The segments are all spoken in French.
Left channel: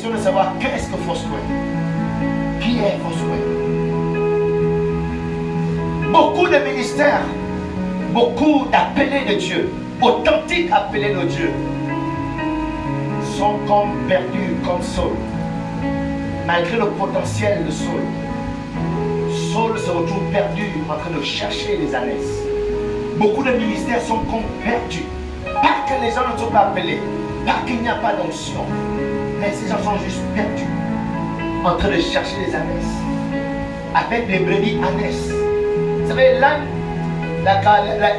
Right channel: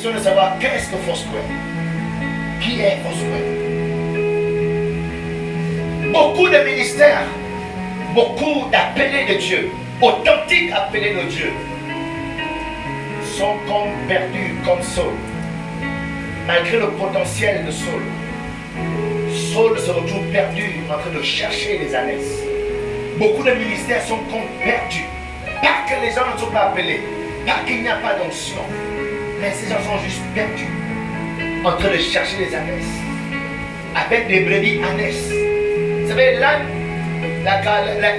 question de savoir qu'est-ce que Foursquare. Qui est Foursquare? Beaucoup de ministères, beaucoup d'appelés de Dieu, authentiques appelés de Dieu, sont comme perdus comme Saul. Malgré le potentiel de Saul, Saul se retrouve perdu en train de chercher les ânesses. Beaucoup de ministères sont comme perdus. Pas que les gens ne sont pas appelés, pas qu'il n'y a pas d'onction, mais ces gens sont juste perdus en train de chercher les ânesses. Avec des brebis ânesses. Vous savez, l'âne,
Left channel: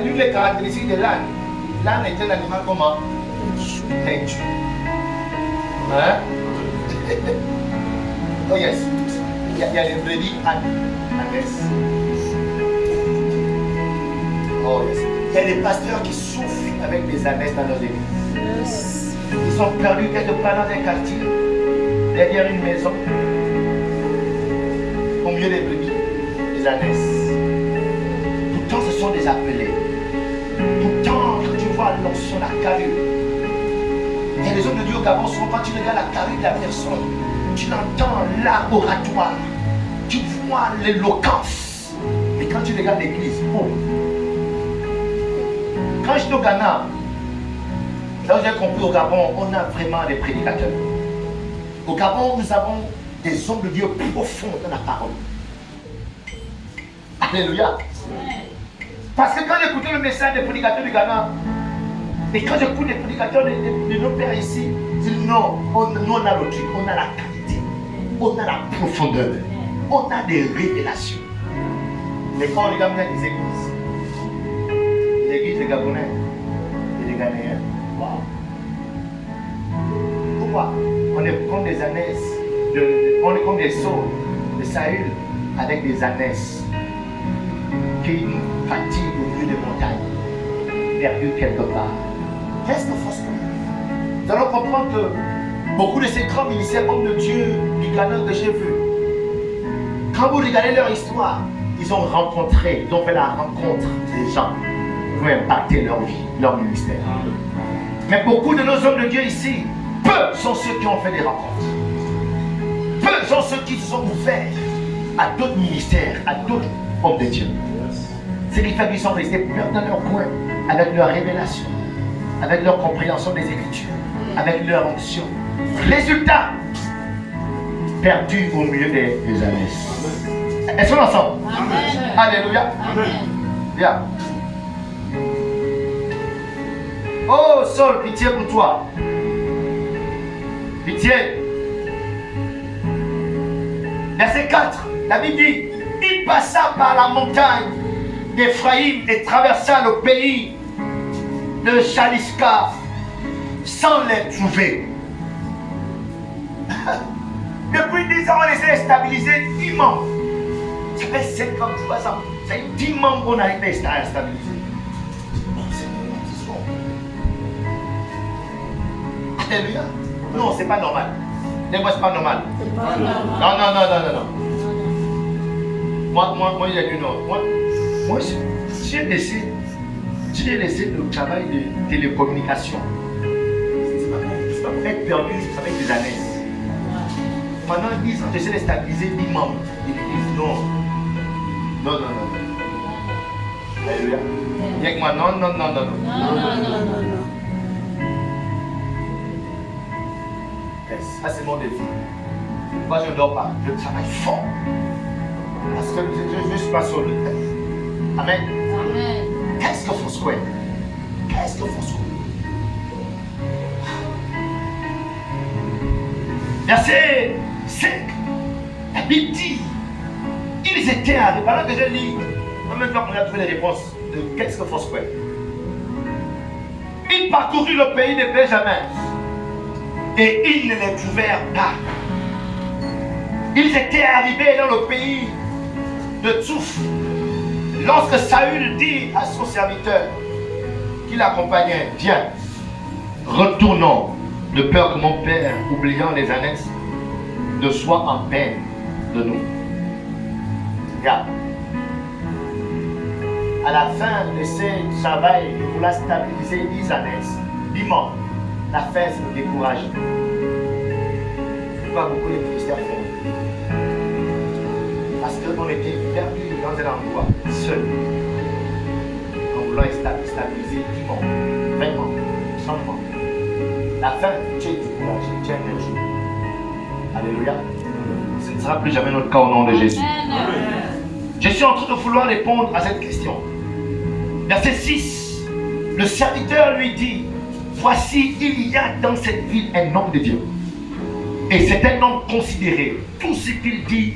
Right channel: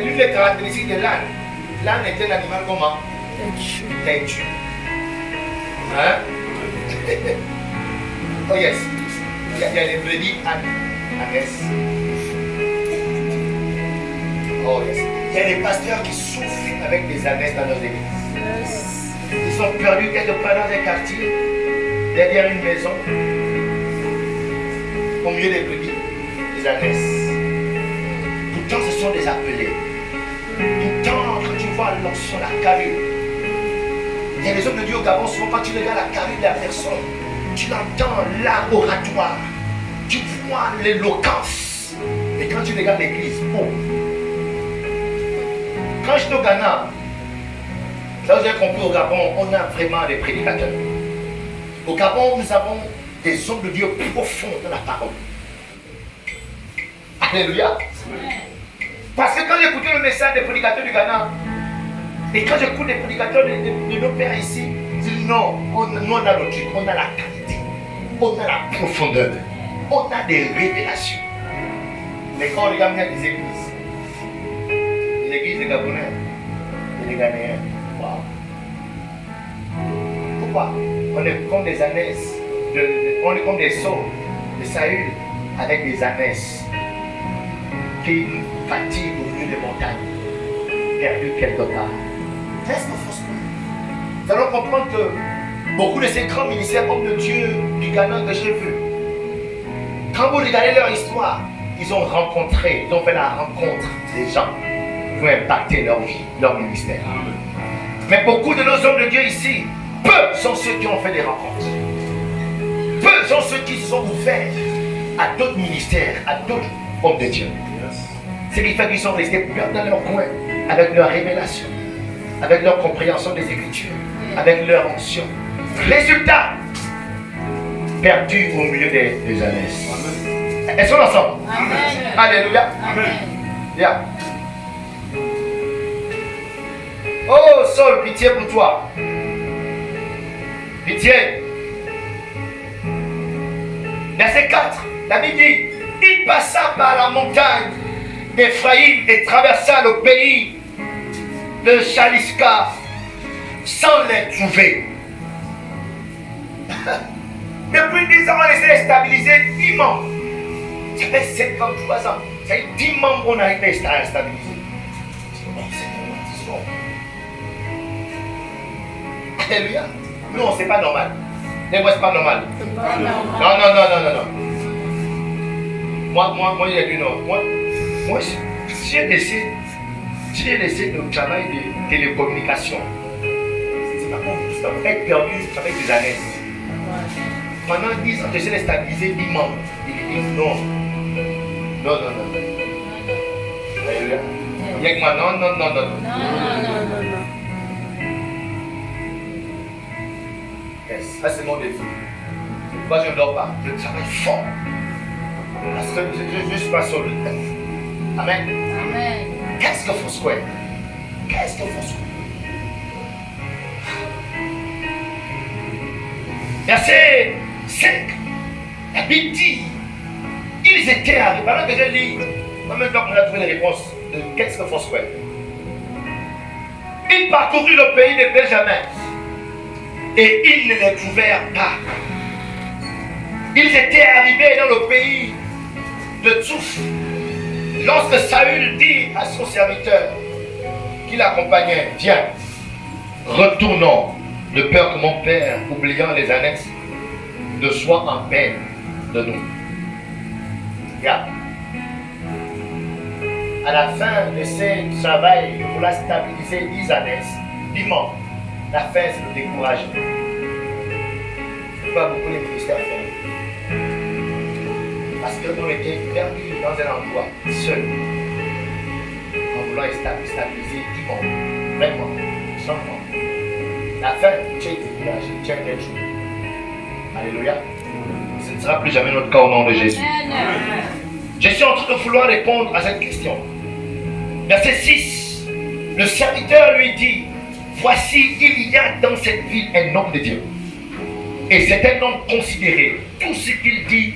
l'une des caractéristiques de l'âne était l'animal comment? Têtu. Hein? Oh yes. Il y a des brebis ânesses. Oh yes. Il y a des pasteurs qui souffrent avec des ânesses dans leurs églises. Yes. Ils sont perdus quelque part dans un quartier, derrière une maison, au milieu des brebis, des ânesses. Pourtant, ce sont des appelés. Pourtant, quand tu vois l'onction, la carrure, il y a des hommes de Dieu au Gabon, souvent quand tu regardes la carrure de la personne, tu l'entends l'oratoire, tu vois l'éloquence. Et quand tu regardes l'église, oh. Quand j'étais au Ghana, là où j'ai compris, au Gabon, on a vraiment des prédicateurs. Au Gabon, nous avons des hommes de Dieu profonds dans la parole. Alléluia. Parce que quand j'écoutais le message des prédicateurs du Ghana, et quand j'écoute les prédicateurs de nos pères ici, je dis non, nous on a le truc, on a la qualité, on a la profondeur, on a des révélations. Mais quand on regarde les églises des Gabonais et des Ghanéens, waouh. Pourquoi? On est comme des ânesses, on est comme des sauts de Saül avec des ânesses qui nous fatiguent au milieu des montagnes, perdus quelque part. Qu'est-ce qu'il faut se faire? Nous allons comprendre que beaucoup de ces grands ministères, hommes de Dieu du Ghana que j'ai vu, quand vous regardez leur histoire, ils ont rencontré, ils ont fait la rencontre des gens qui vont impacter leur vie, leur ministère. Mais beaucoup de nos hommes de Dieu ici, peu sont ceux qui ont fait des rencontres. Peu sont ceux qui se sont ouverts à d'autres ministères, à d'autres hommes de Dieu. Ce qui fait qu'ils sont restés dans leur coin avec leur révélation, avec leur compréhension des Écritures, avec leur onction. Résultat, perdus au milieu des ânesses. Elles sont ensemble. Amen. Alléluia. Amen. Bien. Oh Saul, pitié pour toi. Pitié. Verset 4, la Bible dit, il passa par la montagne d'Éphraïm et traversa le pays de Chaliska sans les trouver. Depuis 10 ans, on essaie de stabiliser 10 membres. Ça fait 53 ans. Ça fait 10 membres qu'on a été à stabiliser. Alléluia. Non, c'est pas normal. Mais moi, c'est pas normal. Non. Moi, j'ai dit non. Moi, j'ai laissé le travail de télécommunication. C'est pas bon. Être perdu avec des années. Pendant 10 ans, j'essaie de stabiliser 10 membres. Il dit non. Alléluia. Il y a que moi, non. Ça, c'est mon défi. Moi, je ne dors pas. Je travaille fort. Parce que je suis pas sauvé. Amen. Qu'est-ce que Foursquare? Verset 5. La Bible dit, ils étaient arrivés. Pendant que je lis, en même temps qu'on a trouvé les réponses de qu'est-ce que Foursquare. Ils parcoururent le pays de Benjamin. Et ils ne les trouvèrent pas. Ils étaient arrivés dans le pays de Tsouf. Lorsque Saül dit à son serviteur qui l'accompagnait, viens, retournons, de peur que mon père, oubliant les annexes, ne soit en peine de nous. Regarde. À la fin de ce travail pour la stabiliser 10 annexes, 10 membres, la fin, c'est le découragement. pourquoi beaucoup de ministères font. Parce qu'on était perdu dans un endroit seul, en voulant stabiliser qui vont vraiment, sans fond. La fin, tu es découragé, tu es un jour. Alléluia. Ce ne sera plus jamais notre cas au nom de Jésus. Je suis en train de vouloir répondre à cette question. Verset 6. Le serviteur lui dit, voici, il y a dans cette ville un homme de Dieu. Et c'est un homme considéré. Tout ce qu'il dit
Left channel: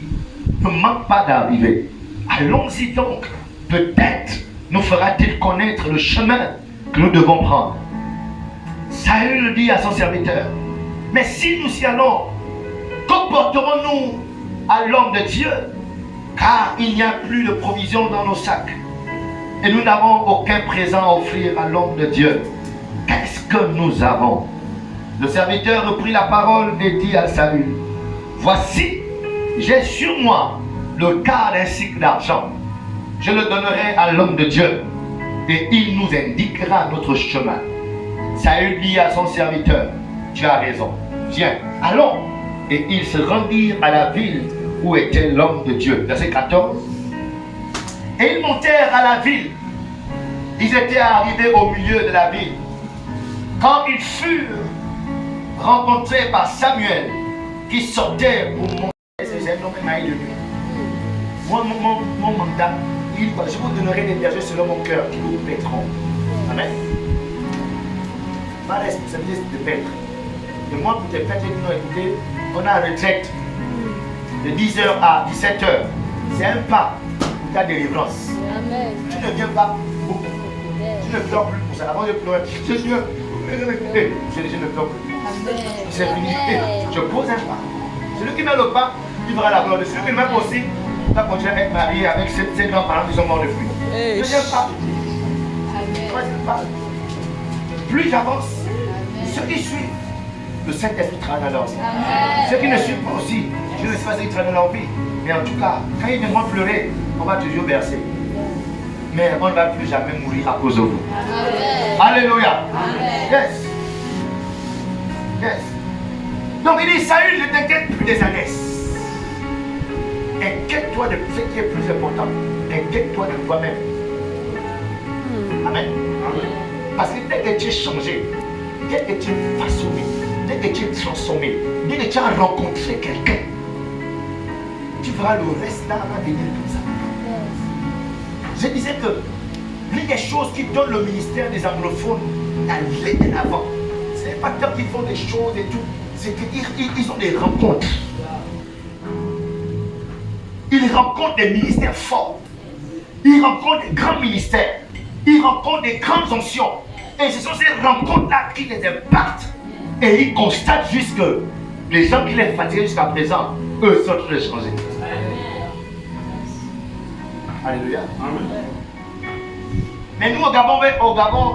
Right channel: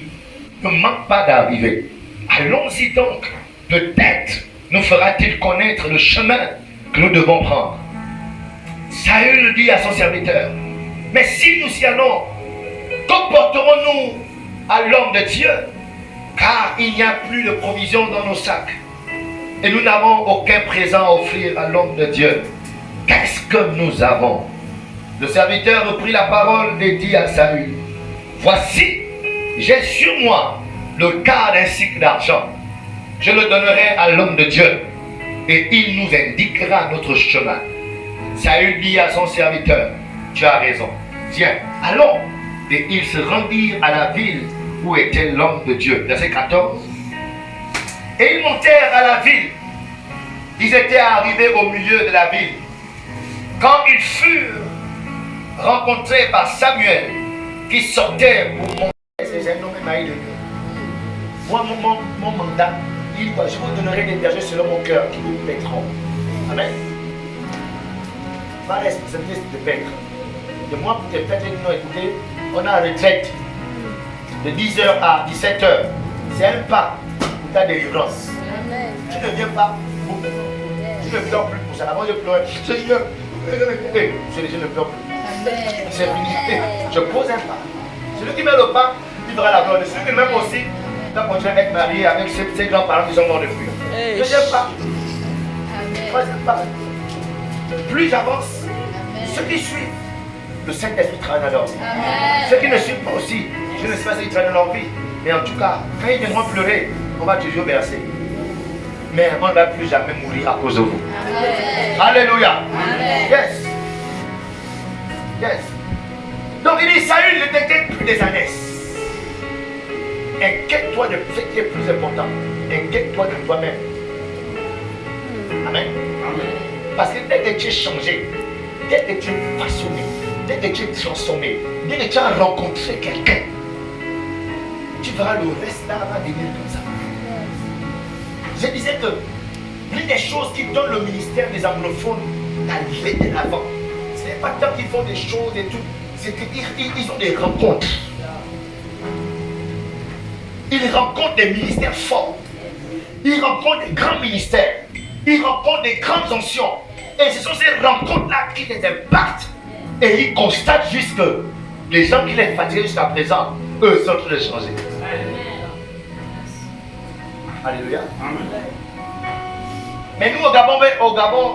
ne manque pas d'arriver. Allons-y donc. Peut-être nous fera-t-il connaître le chemin que nous devons prendre. Saül dit à son serviteur, mais si nous y allons, comporterons-nous à l'homme de Dieu? Car il n'y a plus de provisions dans nos sacs. Et nous n'avons aucun présent à offrir à l'homme de Dieu. Qu'est-ce que nous avons? Le serviteur reprit la parole et dit à Saül, voici, j'ai sur moi le quart d'un cycle d'argent. Je le donnerai à l'homme de Dieu et il nous indiquera notre chemin. Saül dit à son serviteur, tu as raison, viens, allons. Et ils se rendirent à la ville où était l'homme de Dieu. Verset 14. Et ils montèrent à la ville. Ils étaient arrivés au milieu de la ville. Quand ils furent rencontrés par Samuel, qui sortait pour monter ses hommes de Dieu. Moi, mon mandat, il dit, je vous donnerai des bergers selon mon cœur qui vous paîtront. Amen. Ma responsabilité, c'est de paître. De moi, pour te prêter une écoutez, on a la retraite de 10h à 17h. C'est un pas pour ta délivrance. Amen. Tu ne viens pas beaucoup. Tu ne pleures plus pour ça. Avant de pleurer, je ne pleure plus. C'est fini. Je pose un pas. Celui qui met le pas, il verra la gloire de celui qui même aussi. Tu vas continuer à être marié avec ces grands-parents qui sont morts de fruits. Deuxième pas. Troisième pas. Plus j'avance, ceux qui suivent, le Saint-Esprit travaille dans leur vie. Ceux qui ne suivent pas aussi, je ne sais pas s'ils travaillent dans leur vie. Mais en tout cas, quand ils viendront pleurer, on va toujours verser. Mais on ne va plus jamais mourir à cause de vous. Alléluia. Yes. Yes. Donc il dit, Saül ne t'inquiète plus des ânesses. Inquiète-toi de ce qui est plus important. Inquiète-toi de toi-même. Amen. Parce que dès que tu es changé, dès que tu es façonné, dès que tu es transformé, dès que tu as rencontré quelqu'un, tu verras le reste là va devenir comme ça. Je disais que l'une des choses qui donne le ministère des anglophones d'aller de l'avant, ce n'est pas tant qu'ils font des choses et tout, c'est qu'ils ont des rencontres. Ils rencontrent des ministères forts. Ils rencontrent des grands ministères. Ils rencontrent des grandes onction. Et ce sont ces rencontres-là qui les impactent. Et ils constatent juste que les gens qui les fatiguaient jusqu'à présent, eux sont tous les changés. Alléluia. Mais nous au Gabon,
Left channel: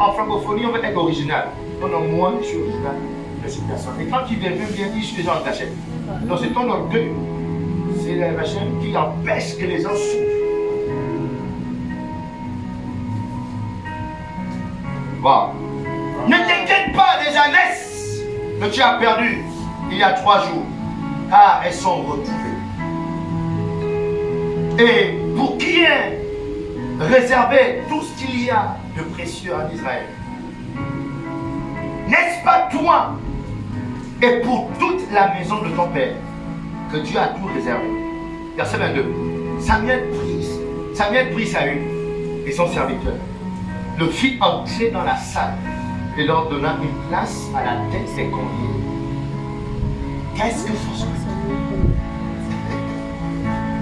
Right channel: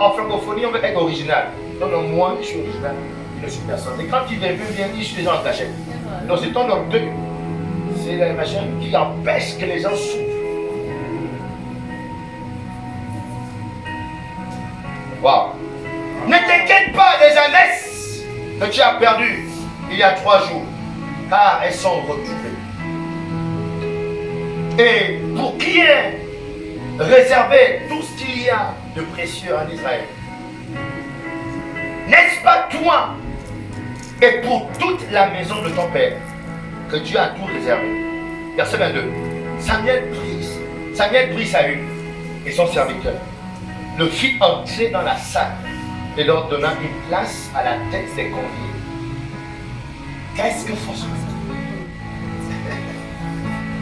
en francophonie, on veut être original. Non, moi, je suis original. Je ne suis personne. Et quand il vient, je suis déjà en cachette. Donc c'est ton orgueil. C'est la machine qui empêche que les gens souffrent. Wow. Ne t'inquiète pas des ânesses que tu as perdues il y a 3 jours, car elles sont retrouvées. Et pour qui est réservé tout ce qu'il y a de précieux en Israël. N'est-ce pas toi et pour toute la maison de ton père que Dieu a tout réservé? Verset 22. Samuel prit Saül et son serviteur, le fit entrer dans la salle et leur donna une place à la tête des conviés. Qu'est-ce que François?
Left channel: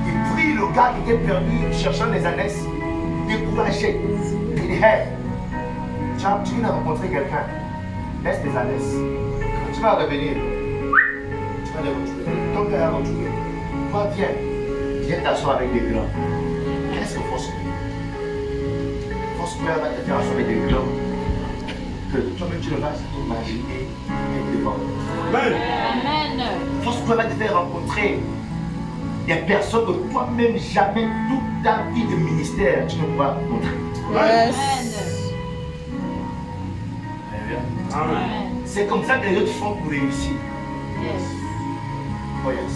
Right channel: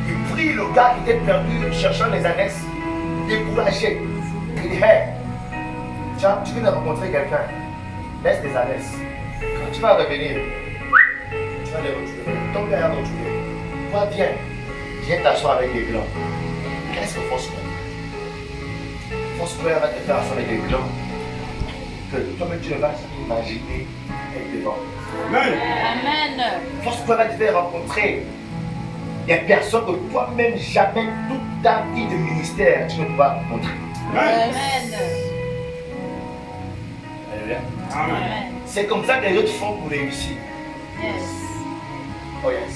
Il prit le gars qui était perdu, cherchant les ânesses, découragé. Il dit, hey, tu viens de rencontrer quelqu'un, laisse les ânesses. Quand tu vas revenir, tu vas les retrouver. Ton père a retrouvé. Toi, viens t'asseoir avec les grands. Qu'est-ce que François? François va te faire asseoir avec les grands. Que toi-même tu ne vas pas t'imaginer être devant. Amen. François va te faire rencontrer des personnes que toi-même jamais toute ta vie de ministère tu ne pourras montrer. Amen. Amen. C'est comme ça que les autres font pour réussir. Yes. Oh yes.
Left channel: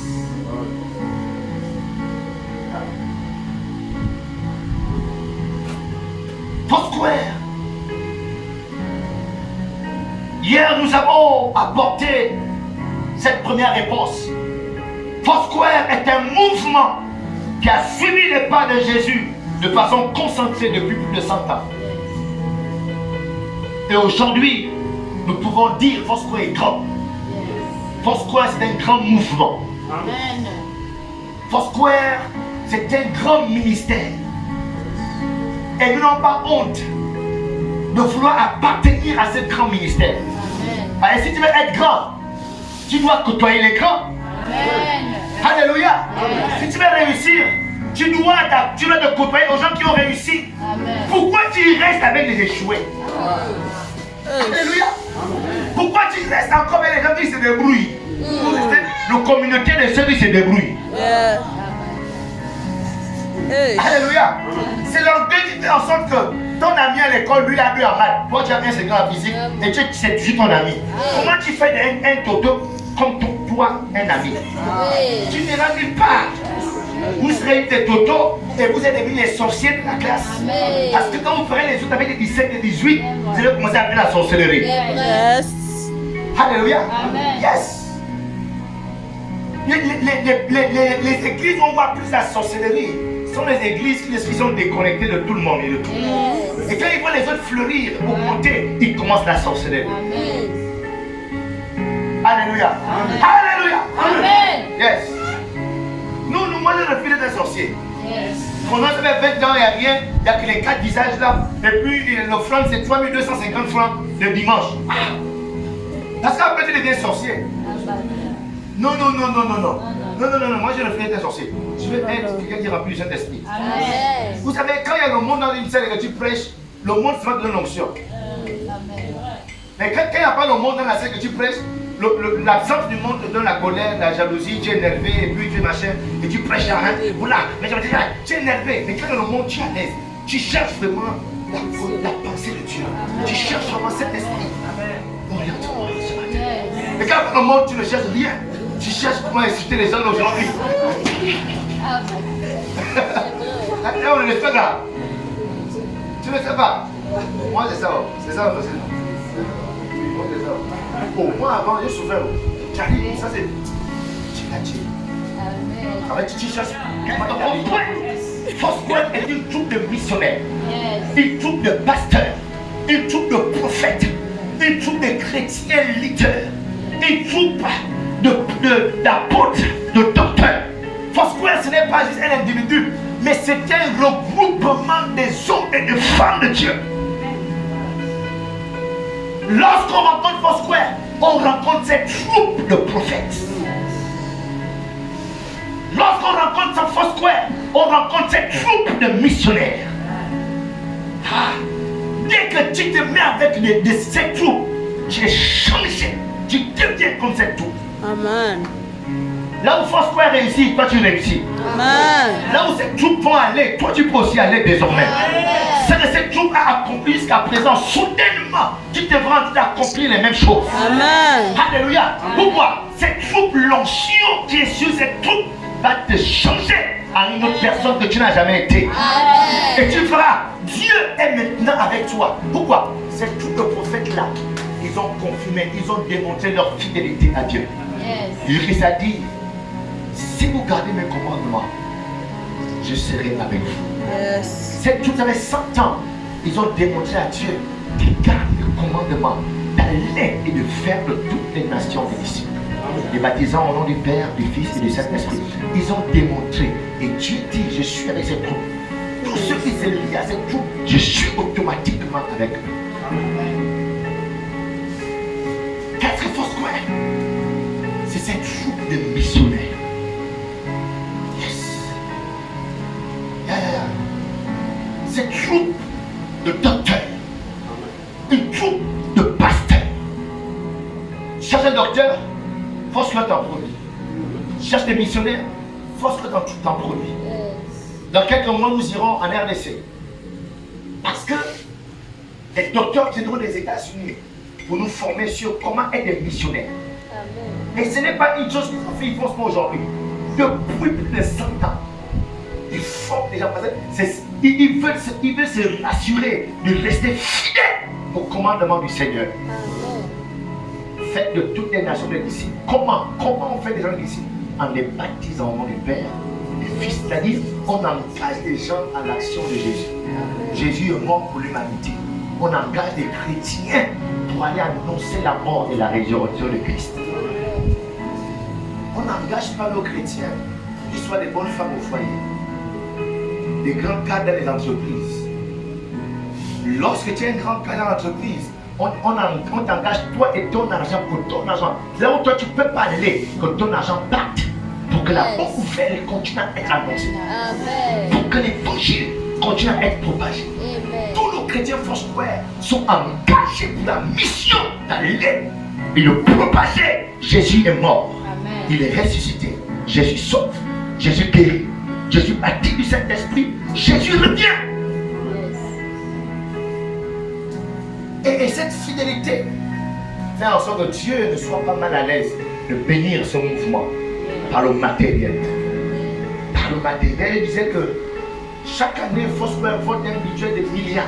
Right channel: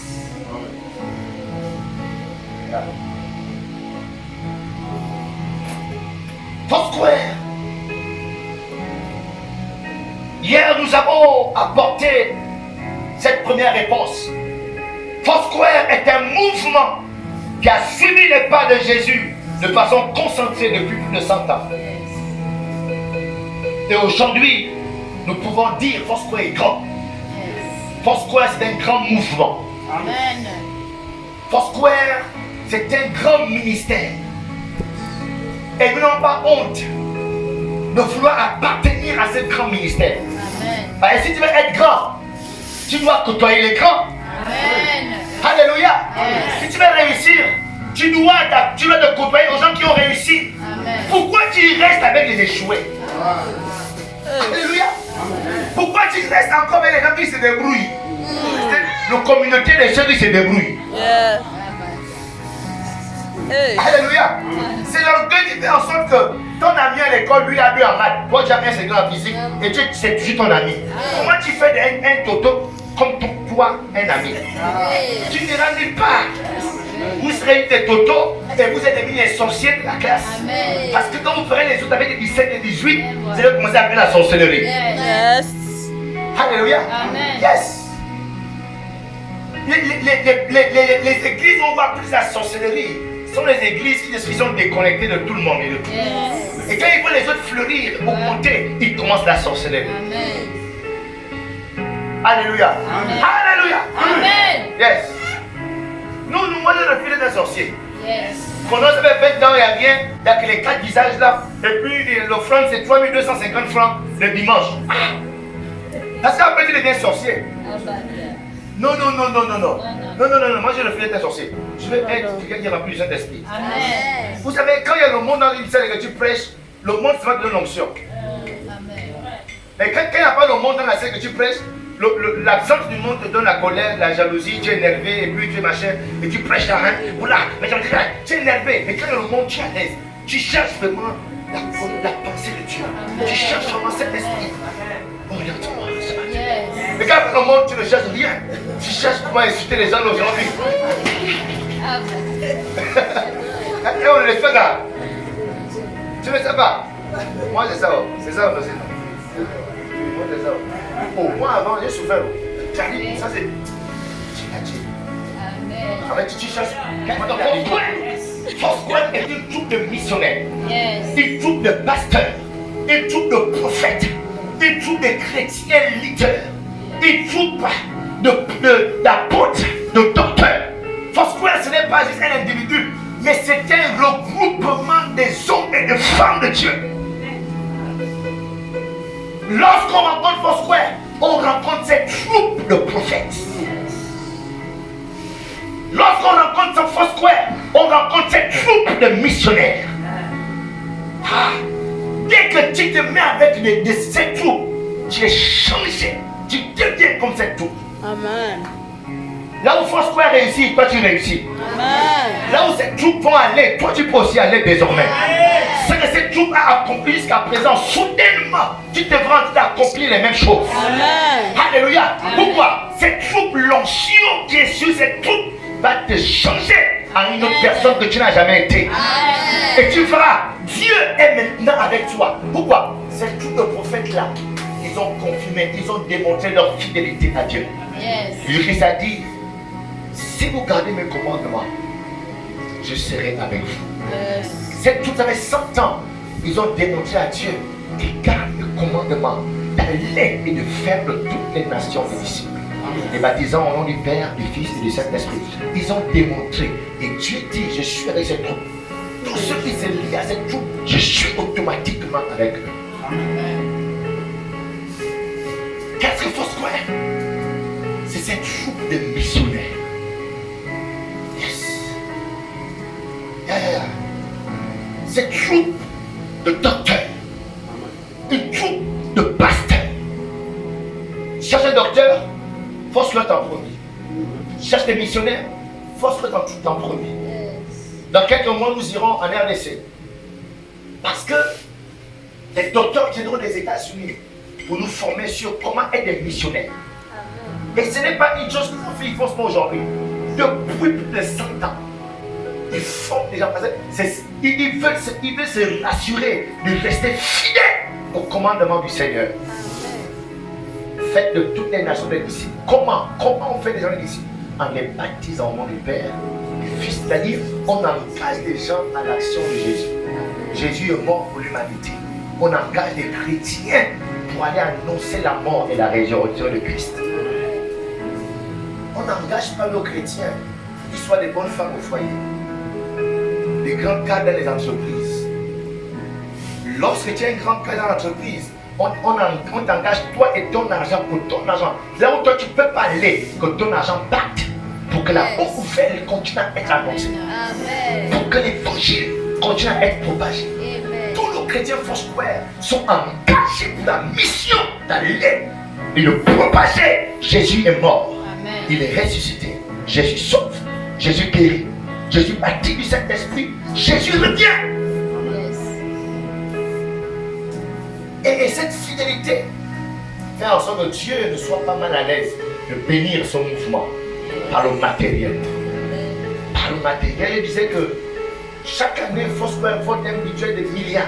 Foursquare. Hier, nous avons apporté cette première réponse. Foursquare est un mouvement qui a suivi les pas de Jésus de façon concentrée depuis plus de 100 ans. Et aujourd'hui, nous pouvons dire Foursquare est grand. Foursquare, c'est un grand mouvement. Amen. Foursquare, c'est un grand ministère. Et nous n'avons pas honte de vouloir appartenir à ce grand ministère. Amen. Et si tu veux être grand, tu dois côtoyer les grands. Amen. Alléluia. Yes. Si tu veux réussir, tu dois te côtoyer aux gens qui ont réussi. Amen. Pourquoi tu restes avec les échoués? Alléluia. Pourquoi tu restes encore avec les gens qui se débrouillent? Nos communautés de ceux qui se débrouillent. Yeah. Hey. Alléluia. C'est l'orgueil qui fait en sorte que ton ami à l'école, lui, a 2 en maths. Toi, tu as un second en physique et c'est toujours ton ami. Comment tu fais un toto comme toi, un ami? Tu n'iras nulle part. Vous serez des totos et vous êtes devenus les sorciers de la classe. Amen. Parce que quand vous ferez les autres avec des 17 et 18, vous allez commencer à faire la sorcellerie. Yes. Alléluia. Amen. Yes. Les églises où on voit plus la sorcellerie sont les églises qui sont déconnectées de tout le monde et de tout. Yes. Et quand ils voient les autres fleurir, augmenter, ils commencent la sorcellerie. Amen. Alléluia. Amen. Alléluia. Amen. Yes. Moi je refuse d'être un sorcier. Yes. Pendant ça fait 20 ans, il n'y a rien, il n'y a que les 4 visages là. Et puis l'offrande c'est 3250 francs le dimanche. Parce qu'après tu deviens sorcier. Non. Moi je refuse d'être un sorcier. Je veux être quelqu'un qui remplit le Saint-Esprit. Amen. Vous savez, quand il y a le monde dans une salle et que tu prêches, le monde se va donner l'onction. Amen. Mais quand il n'y a pas le monde dans la salle que tu prêches, l'absence du monde te donne la colère, la jalousie, tu es énervé et puis tu es machin, et tu prêches la reine, voilà, mais tu es énervé, mais quand il y a le monde, tu es à l'aise. Tu cherches vraiment la pensée de Dieu. Tu cherches vraiment cet esprit. Mais quand il y a le monde, tu ne cherches rien. Tu cherches comment insulter les gens aujourd'hui. Et on ne laisse pas là. Tu ne sais pas. Moi, c'est ça. C'est ça aussi. Moi, c'est ça. Oh, moi, avant, j'ai souffert. J'arrive, ça c'est. Amen. En fait, tu cherches. Foursquare est une troupe de missionnaires, Yes. une troupe de pasteurs, une troupe de prophètes, une troupe de chrétiens leaders, une troupe d'apôtres, de docteurs. Foursquare, ce n'est pas juste un individu, mais c'est un regroupement des hommes et des femmes de Dieu. Lorsqu'on rencontre Foursquare, on rencontre cette troupe de prophètes. Lorsqu'on rencontre ce Foursquare, on rencontre cette troupe de missionnaires. Dès que tu te mets avec cette troupe, tu es changé. Tu deviens comme cette troupe. Amen. Là où Foursquare réussit, toi tu réussis. Amen. Là où cette troupe vont aller, toi tu peux aussi aller désormais. Ce que cette troupe a accompli jusqu'à présent, soudainement, tu devras accomplir les mêmes choses. Amen. Alléluia. Pourquoi? Cette troupe, l'onction qui est sur cette troupe, va te changer à une autre personne que tu n'as jamais été. Et tu feras. Dieu est maintenant avec toi. Pourquoi? Cette troupe de prophètes-là, ils ont confirmé, ils ont démontré leur fidélité à Dieu. Yes. Christ a dit, si vous gardez mes commandements, je serai avec vous. Yes. Cette troupe avait 100 ans, ils ont démontré à Dieu qu'ils gardent le commandement d'aller et de faire de toutes les nations des disciples. Les baptisants au nom du Père, du Fils et du Saint-Esprit. Ils ont démontré. Et Dieu dit, je suis avec cette troupe. Tous ceux qui se lient à cette troupe, je suis automatiquement avec eux. Qu'est-ce que Foursquare? C'est cette troupe de missionnaires. Yes. Cette troupe de docteurs. Une troupe de pasteurs. Cherche un docteur, force-le en premier. Cherche des missionnaires, force-le en premier. Dans quelques mois, nous irons en RDC. Parce que les docteurs viendront des États-Unis pour nous former sur comment être des missionnaires. Et ce n'est pas une chose qu'ils font aujourd'hui. Depuis plus de 100 ans, ils forment les gens. Ils veulent se rassurer de rester fidèles au commandement du Seigneur. Faites de toutes les nations des disciples. Comment on fait des gens des disciples? En les baptisant au nom du Père, du Fils. C'est-à-dire, on engage les gens à l'action de Jésus. Jésus est mort pour l'humanité. On engage les chrétiens pour aller annoncer la mort et la résurrection de Christ. On n'engage pas nos chrétiens pour qu'ils soient des bonnes femmes au foyer, des grands cadres dans les entreprises. Lorsque tu es un grand cadre dans l'entreprise, on t'engage toi et ton argent pour ton argent. Là où toi tu ne peux pas aller, que ton argent parte pour que la bonne nouvelle continue à être annoncée. Pour que l'évangile continue à être propagé. Tous nos chrétiens Foursquare sont engagés pour la mission d'aller et de propager. Jésus est mort. Amen. Il est ressuscité. Jésus sauve. Jésus guérit. Jésus baptise du Saint-Esprit. Jésus revient. Et cette fidélité fait en sorte que Dieu ne soit pas mal à l'aise de bénir son mouvement par le matériel. Par le matériel, il disait que chaque année, il faut se faire un budget de milliards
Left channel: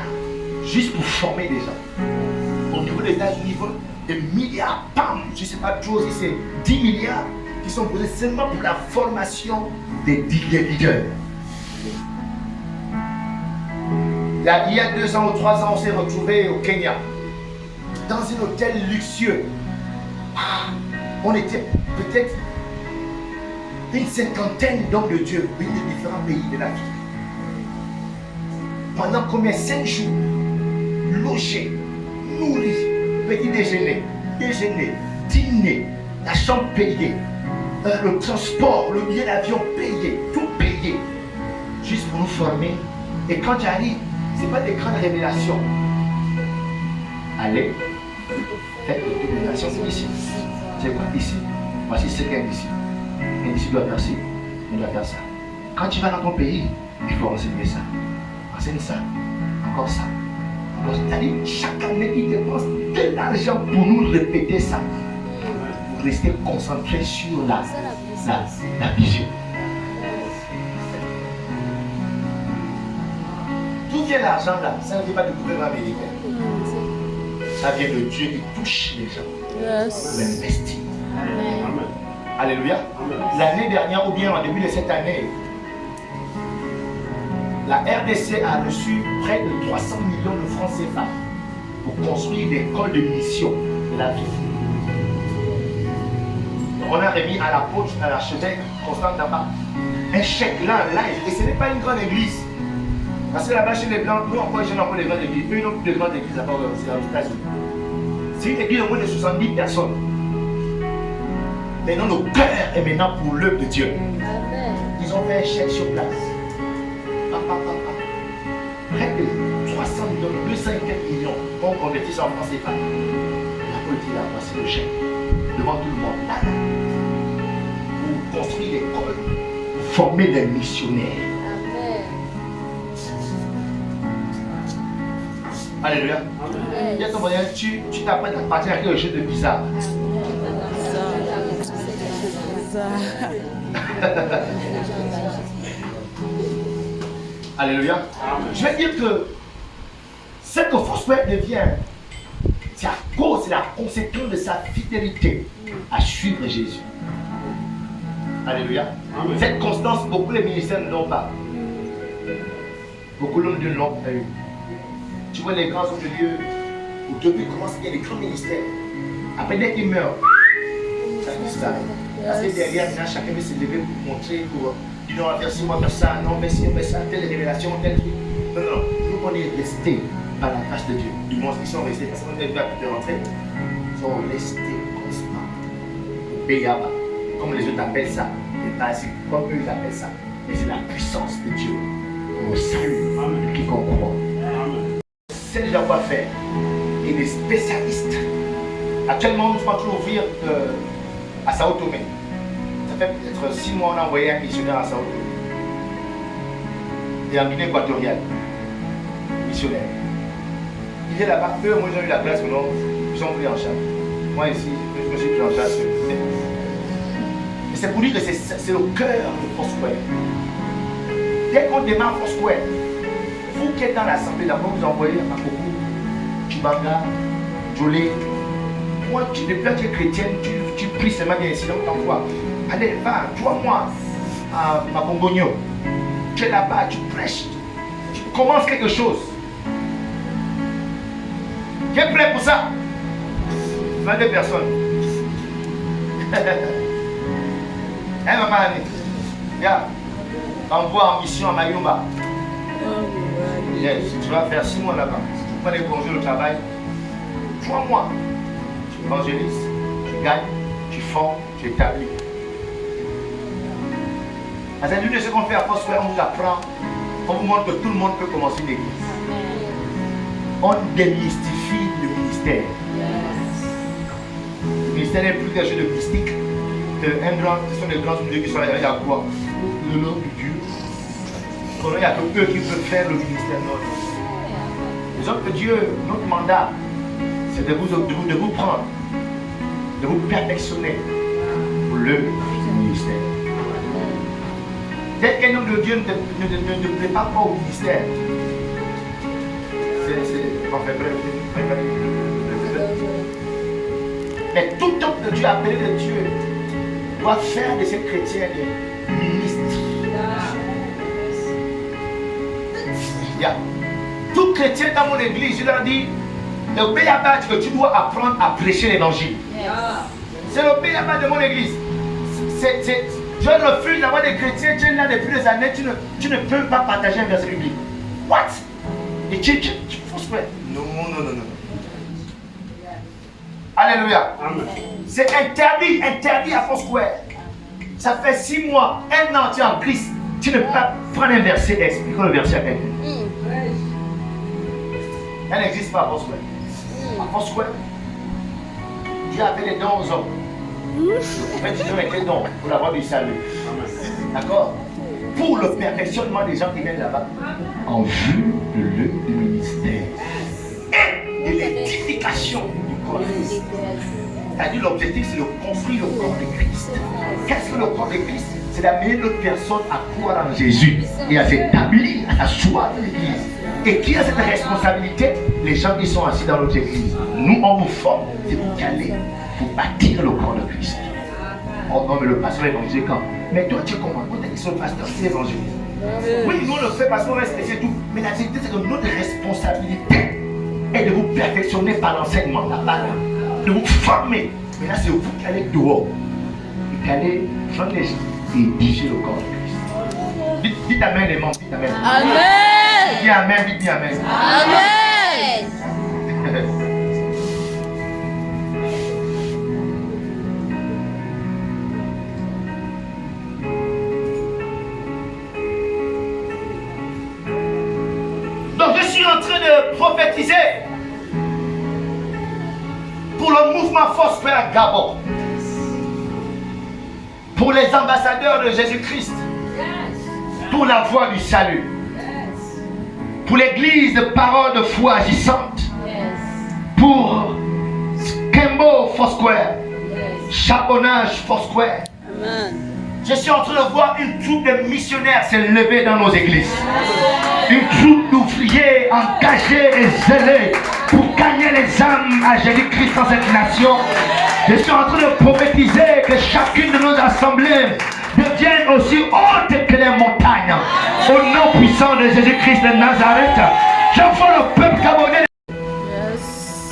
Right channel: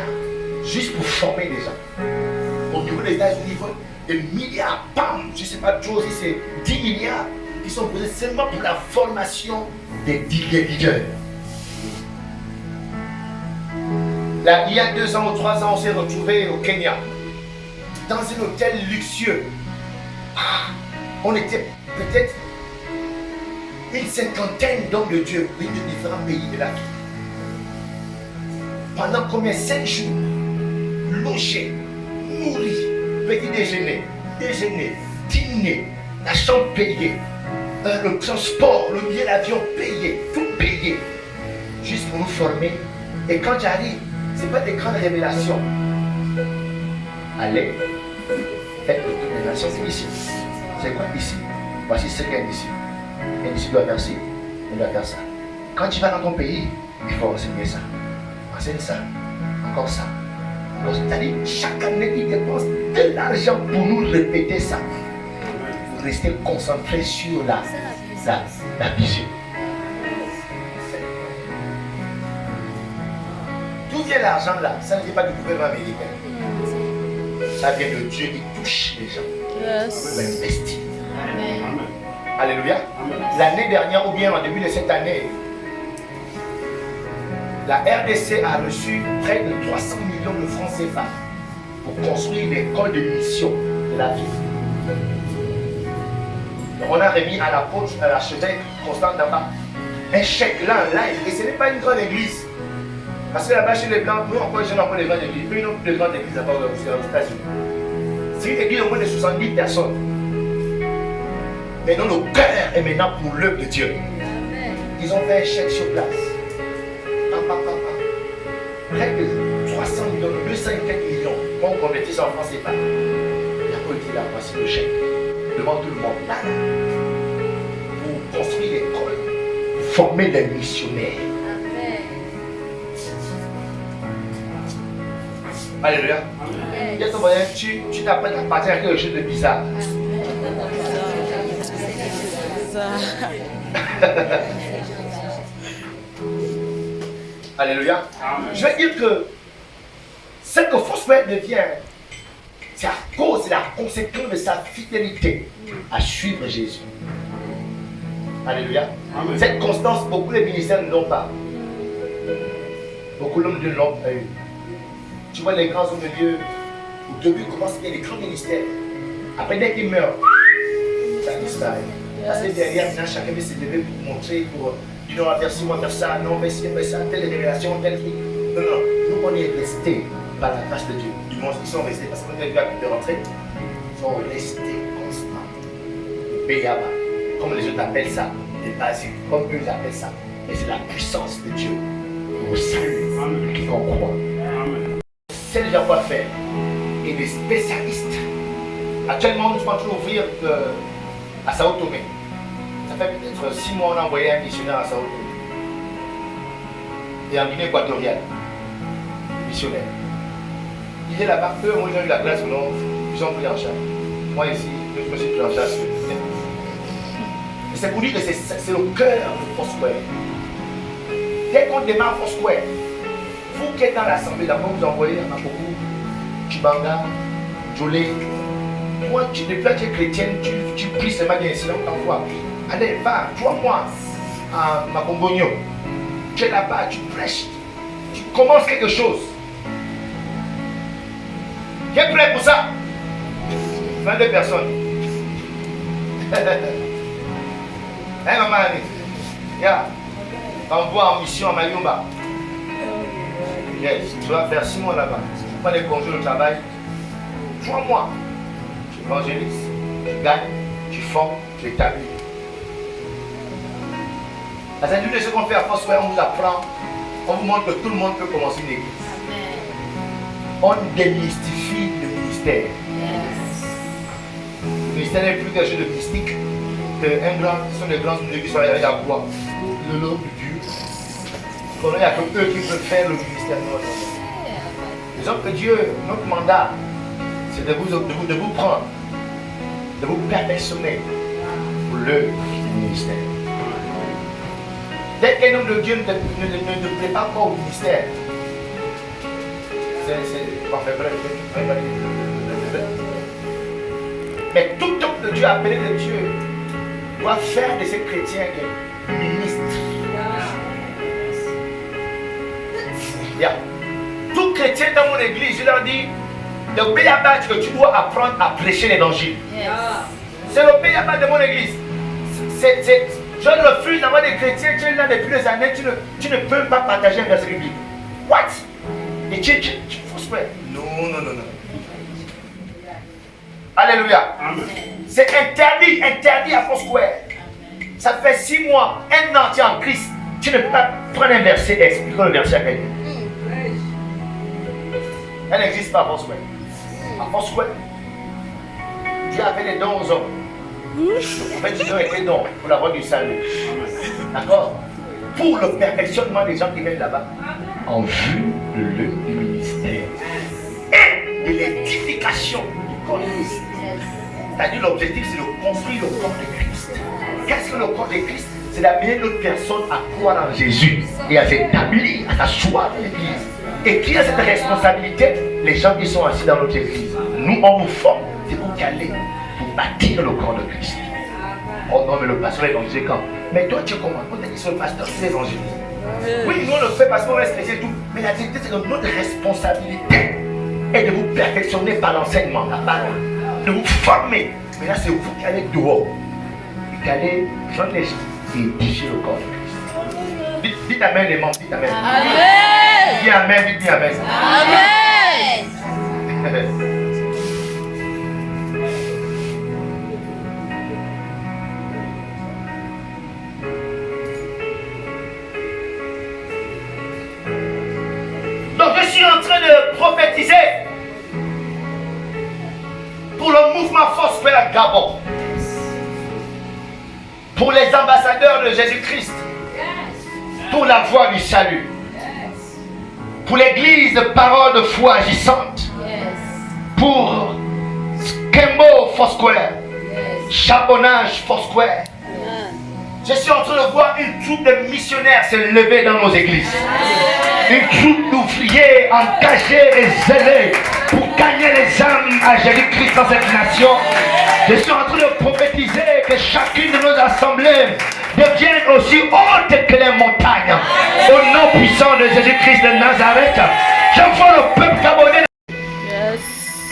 juste pour former des gens. Au niveau des États-Unis, il faut des milliards, bam, je ne sais pas trop si c'est 10 milliards qui sont posés seulement pour la formation des leaders. Là, il y a 2 ans ou 3 ans, on s'est retrouvés au Kenya, dans un hôtel luxueux. On était peut-être une 50aine d'hommes de Dieu venus de différents pays de l'Afrique. Pendant combien? 5 jours, logés, nourris, petit déjeuner, dîner, la chambre payée, le transport, le billet d'avion payé, tout payé, juste pour nous former. Et quand j'arrive, ce n'est pas des grandes révélations. Allez, faites de toutes les nations ici. C'est quoi ici? Voici ce qu'est un disciple. Un disciple doit faire ci, on doit faire ça. Quand tu vas dans ton pays, il faut enseigner ça. Enseigne ça, encore ça. C'est-à-dire, chaque année, ils dépensent de l'argent pour nous répéter ça. Pour rester concentré sur la vision. D'où vient l'argent là? Ça ne vient pas du gouvernement américain. Ça vient de Dieu qui touche les gens. Yes. Il investit. Alléluia. L'année dernière, ou bien en début de cette année, la RDC a reçu près de 300 millions de francs CFA pour construire l'école de mission de la vie. On a remis à l'apôtre, à l'archevêque Constant Daba, un chèque là en live. Et ce n'est pas une grande église. Parce que là-bas, chez les Blancs, nous encore, ils n'ont pas de grandes églises. Eux, ils n'ont plus de grandes églises à part aussi aux États-Unis. C'est une église au moins de 70 personnes. Maintenant, le cœur est maintenant pour l'œuvre de Dieu. Ils ont fait un chèque sur place. Près de 300 millions, 204 millions, on convertit ça en France CFA. La politique là, voici le chèque. Devant tout le monde. Là, pour construire l'école, pour former les missionnaires. Alléluia. Viens ton voisin, tu t'apprends à partir à quelque chose de bizarre. Alléluia. Je veux dire que ce que Foursquare devient, c'est à cause, c'est la conséquence de sa fidélité à suivre Jésus. Alléluia. Amen. Cette constance, beaucoup de ministères ne l'ont pas. Beaucoup de l'ont pas eu. Tu vois les grands hommes de Dieu, au début, commencent à y a des grands ministères. Après, dès qu'ils meurent, ça disparaît. Parce que derrière, chacun veut se lever pour montrer, pour dire non, on va faire ci, on va faire ça, non, on va faire ça, telle révélation, tel truc. Non, non, nous, on est restés par la grâce de Dieu. Ils sont restés parce qu'on est venu à de rentrer. Ils sont restés constants. Le Béaba, comme les autres appellent ça, les basiques, comme eux appellent ça. Et c'est la puissance de Dieu au salut qui croit. C'est déjà quoi faire. Et des spécialistes. Actuellement, nous sommes en train d'ouvrir à Sao Tomé. Ça fait peut-être 6 mois qu'on a envoyé un missionnaire à Sao Tomé. Et en Guinée équatoriale. Missionnaire. Il est là-bas, eux, moi j'ai eu la place, ils sont pris en charge. Moi ici, je me suis pris en charge. c'est pour dire que c'est le cœur de Foursquare. Dès qu'on démarre Foursquare, vous qui êtes dans l'assemblée, d'abord vous envoyez à beaucoup Chibanga, Jolé. Toi, depuis que tu es chrétienne, tu pries seulement des incidents que tu envoies. Allez, va, toi, moi, à Mabongogno. Tu es là-bas, tu prêches, tu commences quelque chose. Qui est prêt pour ça? 22 personnes. Hein, maman Annie? Yeah. Envoie en mission à Mayumba. Yes. Tu vas faire 6 mois là-bas. Tu prends des congés au travail. 3 mois. Tu évangélises, tu gagnes, tu formes, tu établis. Dans un de ce qu'on fait à Foursquare, on vous apprend, on vous montre que tout le monde peut commencer une église. On démystifie le ministère. Le ministère n'est plus quelque chose de mystique. Ce sont des grands dieux qui sont avec la croix. Le nom du Dieu. Il n'y a que eux qui peuvent faire le ministère. Les autres que Dieu, notre mandat, c'est de vous prendre, de vous perfectionner pour le ministère. Dès qu'un homme de Dieu ne prépare pas au ministère, mais tout homme de Dieu, appelé de Dieu, doit faire de ces chrétiens des ministres. Yeah. Tout chrétien dans mon église, je leur dis, le béaba que tu dois apprendre à prêcher l'évangile. C'est le béaba de mon église. Je refuse d'avoir des chrétiens, tu es là depuis des années, tu ne peux pas partager un verset biblique. What? Et tu faut se faire. Non. Alléluia. C'est interdit à Foursquare. Ça fait 6 mois, 1 an, tu es en Christ. Tu ne peux pas prendre un verset et expliquer le verset à quelqu'un. Elle n'existe pas à Foursquare. À Foursquare, Dieu a fait des dons aux hommes. En fait, Dieu a fait des dons pour la voie du salut. D'accord? Pour le perfectionnement des gens qui viennent là-bas. En vue de l'œuvre du ministère. Et de l'édification du corps de Christ. C'est-à-dire l'objectif, c'est de construire le corps de Christ. Qu'est-ce que le corps de Christ? C'est d'amener d'autres personnes à croire en Jésus et à s'établir, à s'asseoir dans l'église. Et qui a cette responsabilité? Les gens qui sont assis dans notre église. Nous, on nous forme, c'est pour caler, pour bâtir le corps de Christ. Oh non, mais le pasteur évangéliste, mais toi, tu comprends, peut-être que le pasteur, c'est évangéliste. Oui, nous, on le fait parce qu'on respecte tout. Mais la vérité, c'est que notre responsabilité est de vous perfectionner par l'enseignement, la parole, de vous former. Mais là, c'est vous qui allez dehors. Et qui allez prendre les gens et édifier le corps de Christ. Dites amen, les membres, dites amen. Amen. Dis amen, dites bien amen. Amen. Donc je suis en train de prophétiser pour le mouvement Foursquare Gabon, pour les ambassadeurs de Jésus-Christ, pour la voie du salut, pour l'église de parole de foi agissante, pour Kembo Foursquare, Charbonnage Foursquare. Je suis en train de voir une troupe de missionnaires se lever dans nos églises. Une troupe d'ouvriers engagés et zélés pour gagner les âmes à Jésus-Christ dans cette nation. Je suis en train de prophétiser que chacune de nos assemblées devienne aussi haute que les montagnes. Au nom puissant de Jésus-Christ de Nazareth, j'envoie le peuple gabonais.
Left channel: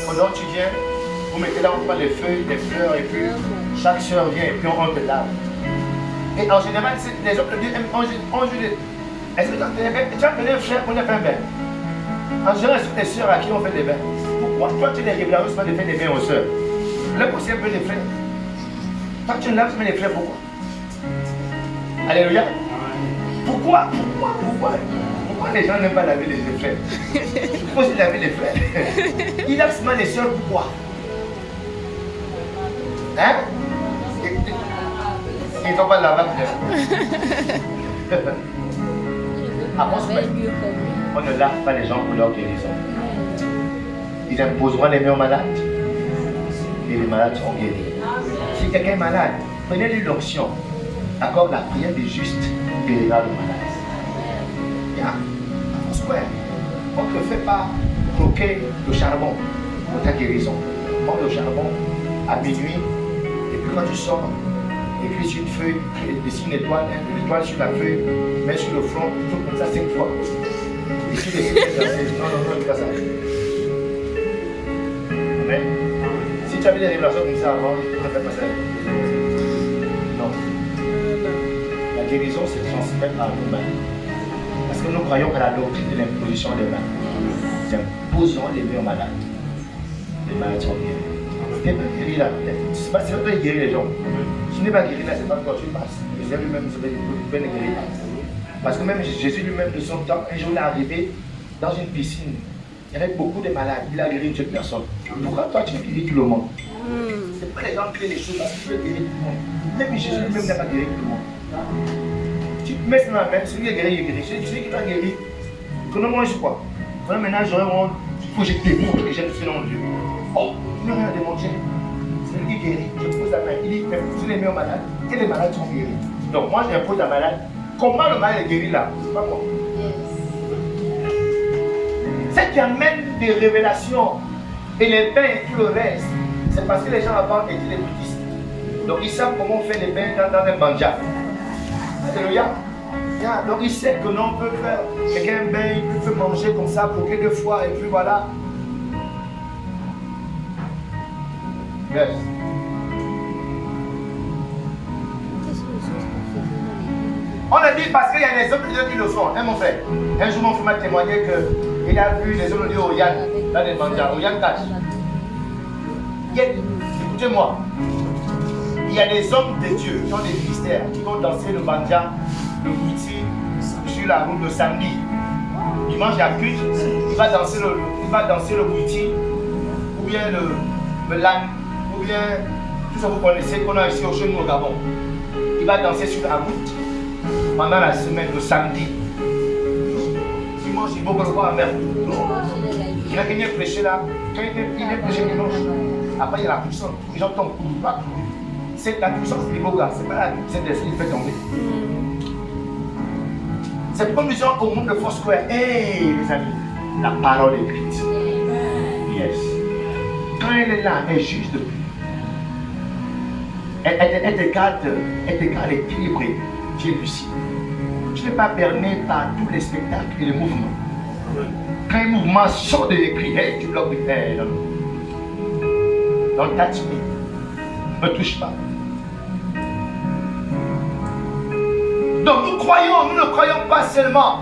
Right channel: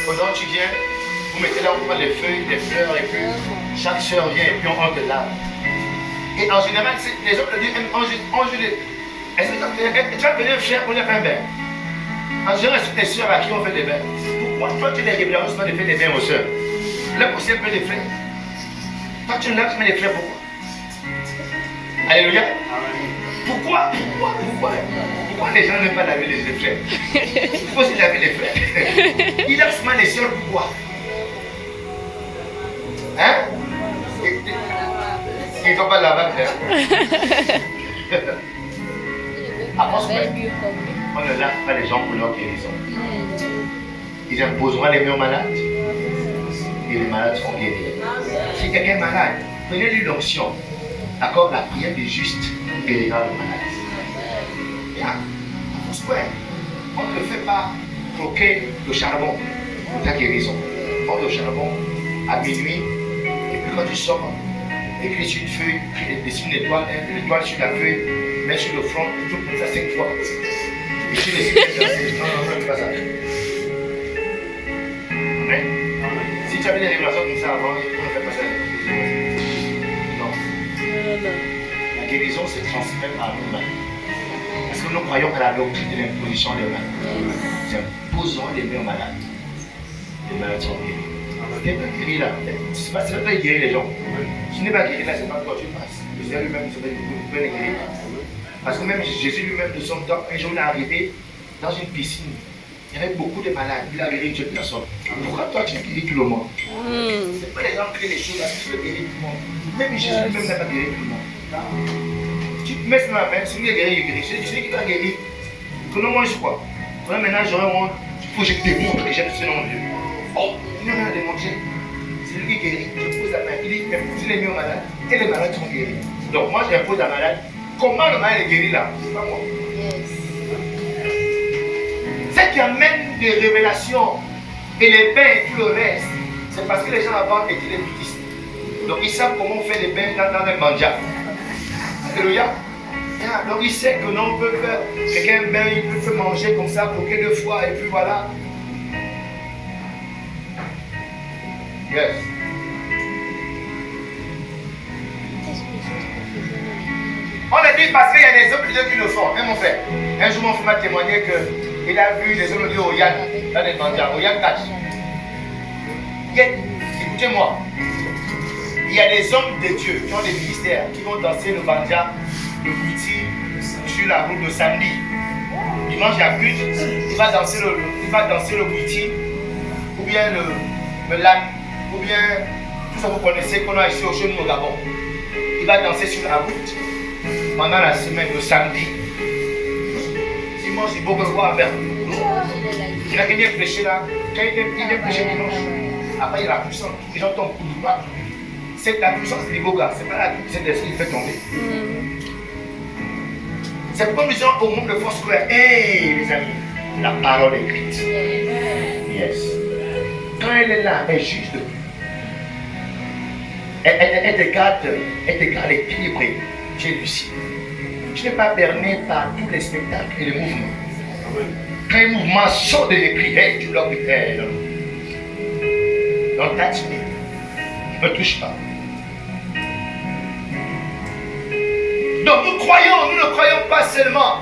Pendant que tu viens, vous mettez là, on prend les feuilles, les fleurs, et puis chaque soeur vient et puis on enlève l'arbre. Et en général, les hommes de Dieu aiment enjouer. Est-ce que tu as venu faire pour les faire un bain? En général, c'est tes soeurs à qui on fait des bains. Pourquoi toi tu es régulièrement de faire des bains aux soeurs? Le possible peut les faire. Toi tu laves, tu mets les fleurs, pourquoi? Alléluia. Pourquoi les gens n'aiment pas laver les fleurs? Il faut aussi laver les fleurs. Ils lavent seulement les soeurs, pourquoi? Hein? Ils ne sont pas laver. On ne lave pas les gens pour leur guérison. Ils imposeront les mains aux malades et les malades seront guéris. Si quelqu'un est malade, prenez-lui l'onction Accorde la prière des justes guérira le malade. Bien, ouais. On ne te fait pas croquer le charbon pour ta guérison. Prends le charbon à minuit, et puis quand tu sors, écris sur une feuille, dessine une étoile sur la feuille, mets sur le front, tout comme ça 5 fois. Et tu dessines non, fais pas ça. Amen. Si tu avais des révélations comme ça avant, on ne fait pas ça. Non. La guérison se transmet par l'humain. Parce que nous croyons à la doctrine de l'imposition des mains. C'est imposons les mains aux malades. Les malades sont guéris. Ce n'est pas guéri là. Ce n'est pas guérir les gens. Ce n'est pas guéri là, c'est pas quand tu passes. Le Seigneur lui-même peut les guérir. Parce que même Jésus lui-même de son temps, un jour il est arrivé dans une piscine. Il y avait beaucoup de malades. Il a guéri une seule personne. Pourquoi toi tu guéris tout le monde? Ce n'est pas les gens qui créent les choses parce que tu veux guérir tout le monde. Même Jésus lui-même n'a pas guéri tout le monde. Tu te mets sur la main, celui qui est guéri, il guérit. Celui qui va guérir, que nous mange quoi? Maintenant, j'aurais honte. Il faut que je démontre que j'ai le Seigneur en Dieu. Oh, tu n'as rien à démontrer. C'est lui qui guérit. Je pose la main. Il dit, vous les mets aux malades et les malades sont guéris. Donc moi, j'impose la malade. Comment le malade est guéri là? C'est pas moi. Ce qui amène des révélations et les bains et tout le reste, c'est parce que les gens avant étaient des bouddhistes. Donc ils savent comment on fait les bains dans les manjas. Alléluia. Donc il sait que l'on peut faire quelqu'un bain, il peut manger comme ça, bloquer 2 fois et puis voilà. Yes. On a dit parce qu'il y a des hommes qui le font, hein mon frère. Un jour mon frère m'a témoigné qu'il a vu des hommes au Yann, dans les manjas, au Yann Catch. Écoutez-moi, il y a des hommes de Dieu qui ont des ministères, qui vont danser le banja, le bouti, sur la route de samedi. Dimanche, il y a culte, il va danser le bouti, ou bien le lac, ou bien tout ce que vous connaissez qu'on a ici au chemin au Gabon. Il va danser sur la route pendant la semaine, le samedi. Dimanche, il faut que vous voir vers nous. Il y a qui vient prêcher là, quand il vient prêcher dimanche. Après, il y a la puissance, les gens tombent. C'est la puissance des beaux gars, c'est pas la puissance de ce qui fait tomber. C'est pourquoi nous disons au monde de Foursquare, hey les amis, la parole écrite. Yes. Quand elle est là, elle juge de plus. Elle te garde équilibré. Tu es lucide. Tu n'es pas berné par tous les spectacles et les mouvements. Quand un mouvement sort de l'écrit, hey, tu dois prier. Dans le tatine, ne touche pas. Donc nous ne croyons pas seulement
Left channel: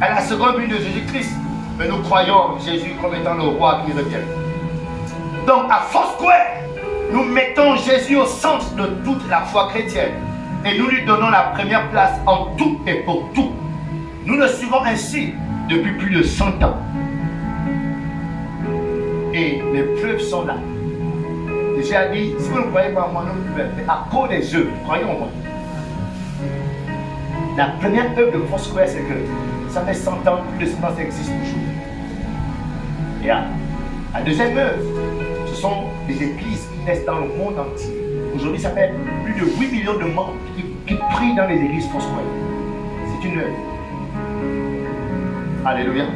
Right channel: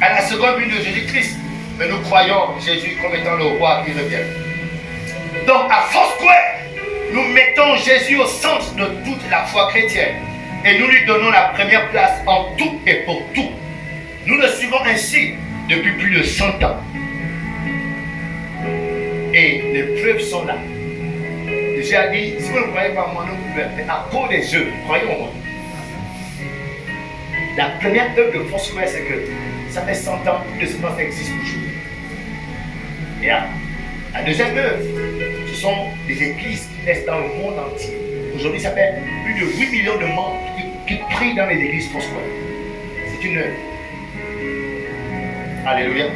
à la seconde venue de Jésus-Christ, mais nous croyons Jésus comme étant le roi qui revient. Donc à Foursquare, nous mettons Jésus au centre de toute la foi chrétienne et nous lui donnons la première place en tout et pour tout. Nous le suivons ainsi depuis plus de 100 ans. Et les preuves sont là. Jésus a dit, si vous ne croyez pas en moi, non plus, à cause des œuvres, croyez en moi. La première œuvre de Foursquare, c'est que ça fait 100 ans que le silence existe toujours. Et là, la deuxième œuvre, ce sont des églises qui naissent dans le monde entier. Aujourd'hui, ça fait plus de 8 millions de membres qui prient dans les églises Foursquare. C'est une œuvre. Alléluia.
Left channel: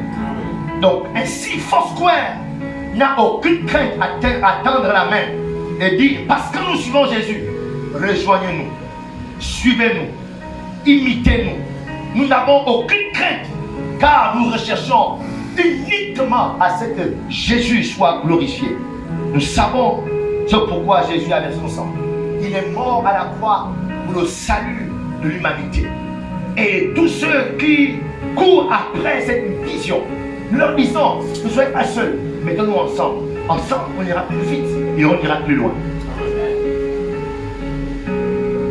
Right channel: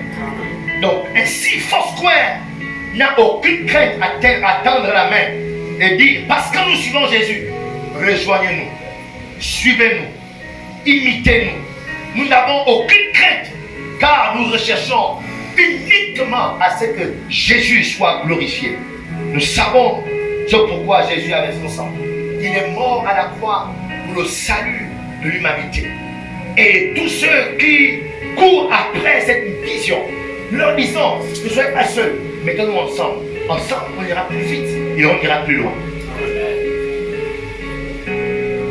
Donc, ainsi, Foursquare n'a aucune crainte à tendre la main et dire, parce que nous suivons Jésus, rejoignez-nous, suivez-nous, imitez-nous. Nous n'avons aucune crainte, car nous recherchons uniquement à ce que Jésus soit glorifié. Nous savons ce pourquoi Jésus avait son sang. Il est mort à la croix pour le salut de l'humanité. Et tous ceux qui courent après cette vision, nous leur disons, ne soyez pas seuls, mettons-nous ensemble. Ensemble, on ira plus vite et on ira plus loin.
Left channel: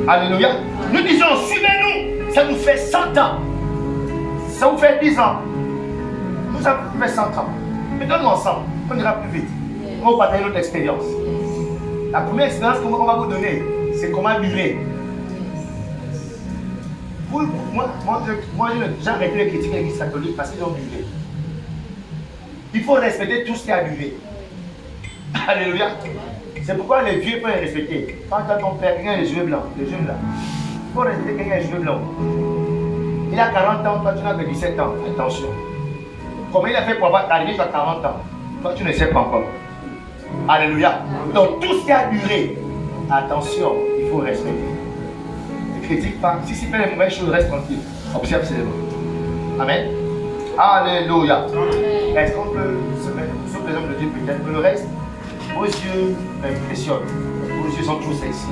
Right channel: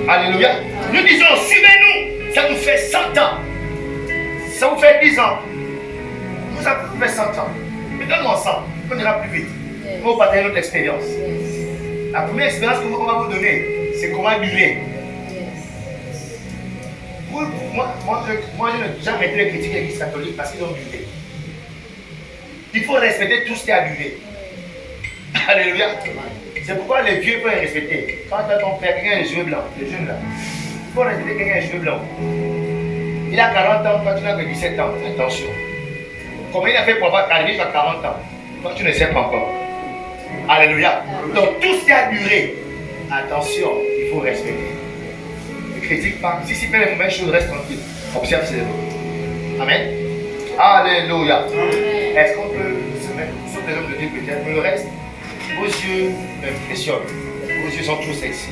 Alléluia. Nous disons, suivez-nous. Ça nous fait 100 ans. Ça vous fait 10 ans. Nous avons fait 100 ans. Mettons-nous ensemble. On ira plus vite. On va partager notre expérience. La première expérience qu'on va vous donner, c'est comment durer. Moi, j'ai arrêté de critiquer l'Église catholique parce qu'ils ont buvé. Il faut respecter tout ce qui a buvé. Alléluia. C'est pourquoi les vieux peuvent respecter. Quand tu as ton père, quelqu'un les yeux blancs, les jeunes là. faut respecter quelqu'un avec les cheveux blancs. Il a 40 ans, toi tu n'as que 17 ans. Attention. Comment il a fait pour arriver jusqu'à 40 ans? Toi tu ne sais pas encore. Alléluia. Donc tout ce qui a duré, attention, il faut respecter. Ne critique pas. Si c'est fait les mauvaises choses, reste tranquille. Observe seulement. Amen. Alléluia. Est-ce qu'on peut se mettre sur les hommes de Dieu peut-être? Le reste, vos yeux m'impressionnent. Vos yeux sont trop sexy.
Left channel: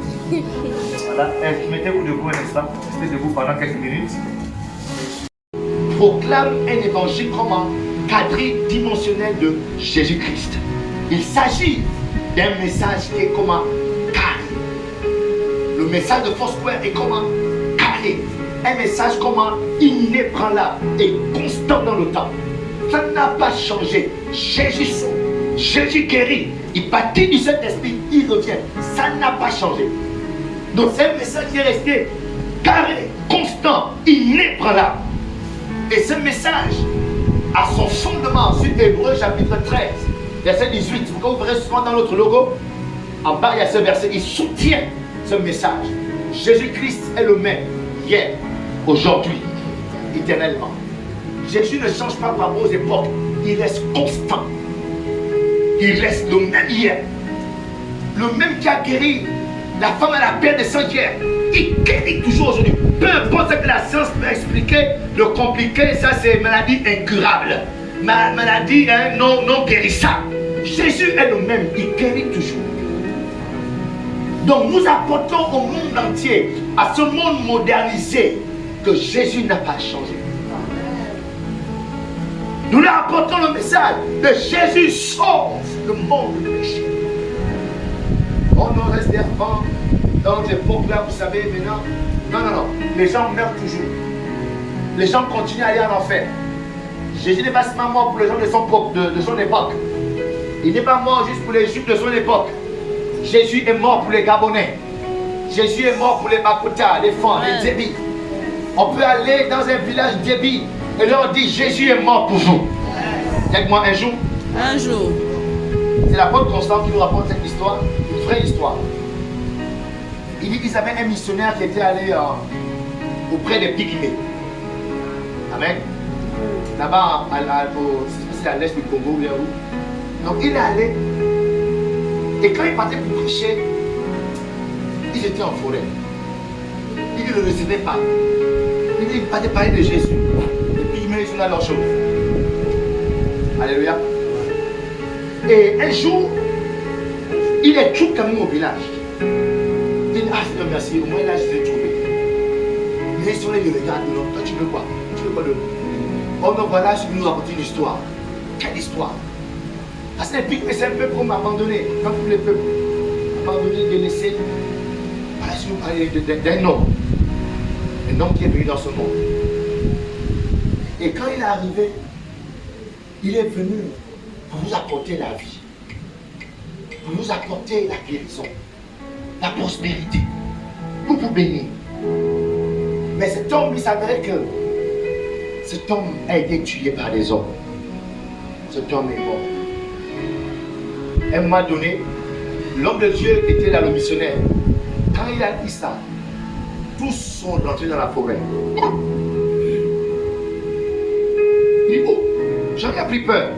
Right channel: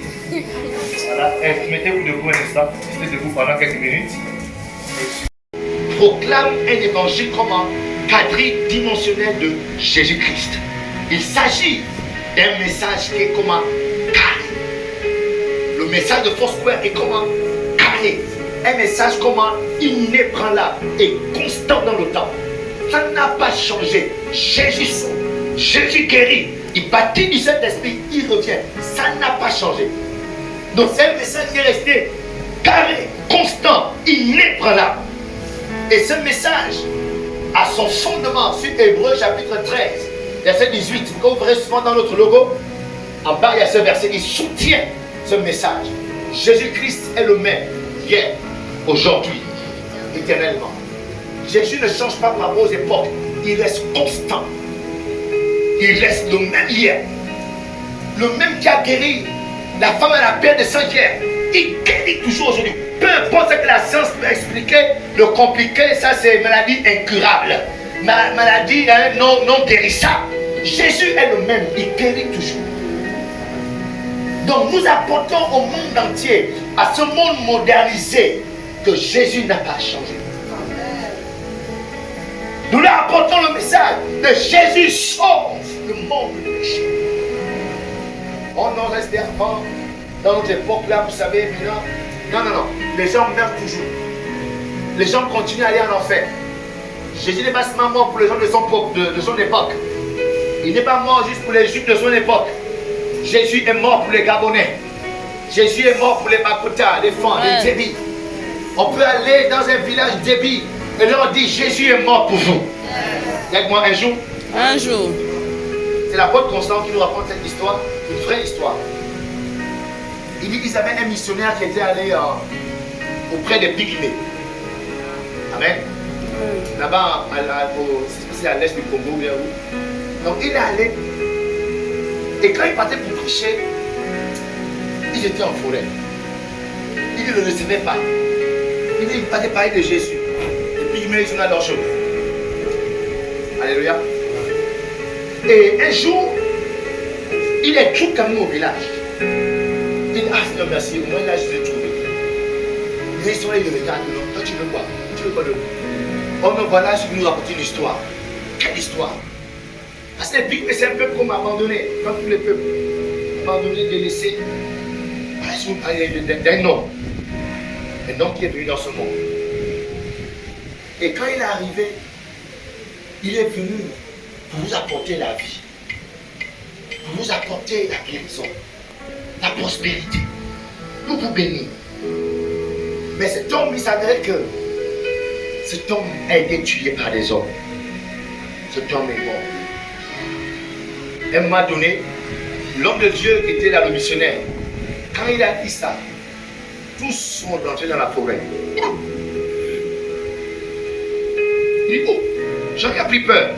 Voilà. Mettez-vous debout un instant. Restez debout pendant quelques minutes. Proclame un évangile comme un quadridimensionnel de Jésus-Christ. Il s'agit d'un message qui est comme un carré. Le message de Foursquare est comme un carré. Un message comme un inébranlable et constant dans le temps. Ça n'a pas changé. Jésus sauve, Jésus guérit, il baptise du Saint-Esprit, il revient. Ça n'a pas changé. Donc c'est un message qui est resté carré, constant, inébranlable. Et ce message a son fondement sur Hébreux chapitre 13, verset 18. Quand vous verrez souvent dans notre logo, en bas il y a ce verset, il soutient ce message. Jésus-Christ est le même, hier, aujourd'hui, éternellement. Jésus ne change pas par vos époques, il reste constant. Il reste le même hier. Le même qui a guéri la femme à la perte de sang hier, il guérit toujours aujourd'hui. Peu importe ce que la science peut expliquer, le compliqué, ça c'est maladie incurable. Maladie non guérissable. Jésus est le même, il guérit toujours. Donc nous apportons au monde entier, à ce monde modernisé, que Jésus n'a pas changé. Nous leur apportons le message de Jésus sauve le monde du péché. On en reste avant, dans notre époque là, vous savez, maintenant. Non. Les gens meurent toujours. Les gens continuent à aller en enfer. Jésus n'est pas seulement mort pour les gens de son époque. Il n'est pas mort juste pour les Juifs de son époque. Jésus est mort pour les Gabonais. Jésus est mort pour les Bakota, les Fans, les Débis. On peut aller dans un village Débi et leur dire Jésus est mort pour vous. Dites-moi un jour. Un jour. C'est l'apôtre Constant qui nous raconte cette histoire, une vraie histoire. Il dit qu'ils avaient un missionnaire qui était allé auprès des Pygmées. Amen. Là-bas, c'est à l'est du Congo, bien où. Donc il est allé. Et quand il partait pour prêcher, ils étaient en forêt. Il ne le recevait pas. Il partait parler de Jésus. Les Pygmées, ils sont dans leur chose. Alléluia. Et un jour, il est tout comme nous au village. Il dit, ah Seigneur, merci, au moins là je l'ai trouvé. Mais il le regarde, non, toi tu veux quoi? Tu veux quoi de nous? Oh non, voilà, je vais nous raconter une histoire. Quelle histoire? Parce que les Pygmées, c'est un peuple qu'on m'a abandonné. Comme tous les peuples. Abandonné, délaissé. Parce que vous parlez d'un homme. Un homme qui est venu dans ce monde. Et quand il est arrivé, il est venu pour vous apporter la vie, pour vous apporter la guérison, la prospérité, pour vous bénir. Mais cet homme, il s'avérait que cet homme a été tué par les hommes. Cet homme est mort. À un moment donné, l'homme de Dieu qui était là, le missionnaire, quand il a dit ça, tous sont rentrés dans la forêt. Il dit, oh, Jean a pris peur.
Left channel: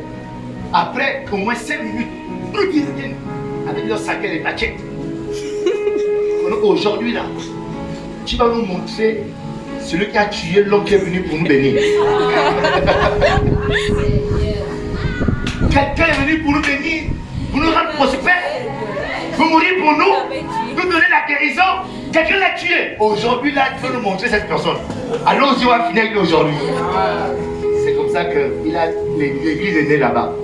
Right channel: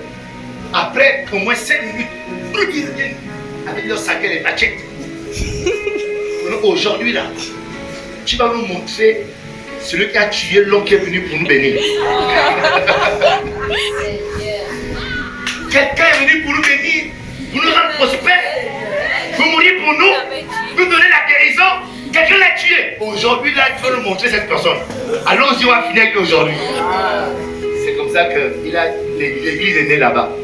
Après au moins 5 minutes, ils reviennent avec leur sac et les machettes. Aujourd'hui là, tu vas nous montrer celui qui a tué l'homme qui est venu pour nous bénir. Quelqu'un est venu pour nous bénir, pour nous rendre prospères, pour mourir pour nous donner la guérison. Quelqu'un l'a tué. Aujourd'hui là, tu vas nous montrer cette personne. Allons-y, on va finir avec lui aujourd'hui. C'est comme ça que l'église est née là-bas.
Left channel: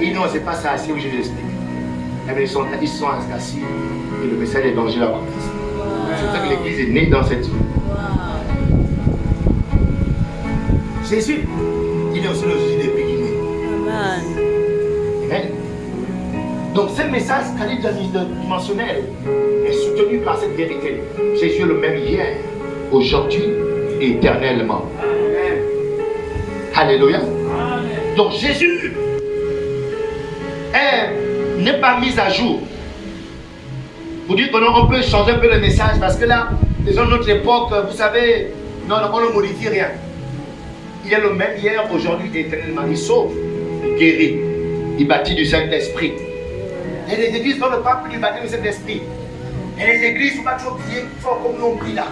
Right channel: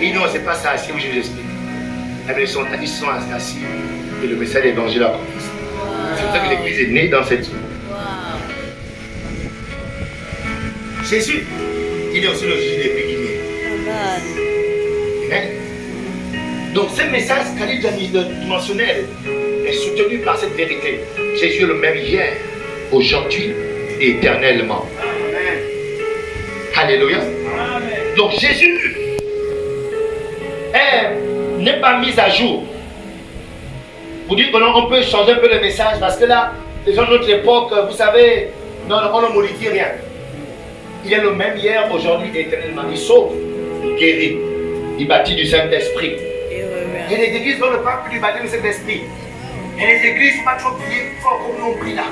Et non, c'est pas ça, assis où je l'explique. Ils sont assis et le message de l'évangile a commencé. C'est comme ça que l'église est née dans cette ville. Jésus, il est aussi le Jésus des Pygmées. Amen. Donc ce message quasi-dimensionnel est soutenu par cette vérité. Jésus est le même hier, aujourd'hui et éternellement. Amen. Alléluia. Amen. Donc Jésus n'est pas mis à jour. Vous dites qu'on peut changer un peu le message parce que là, Les gens de notre époque, vous savez, non, on ne modifie rien. Il est le même hier, aujourd'hui, éternellement. Il sauve, il guérit, il bâtit du Saint-Esprit. Et les églises, on ne parle plus du baptême du Saint-Esprit. Et les églises, il ne faut pas trop prier fort comme nous on prie là.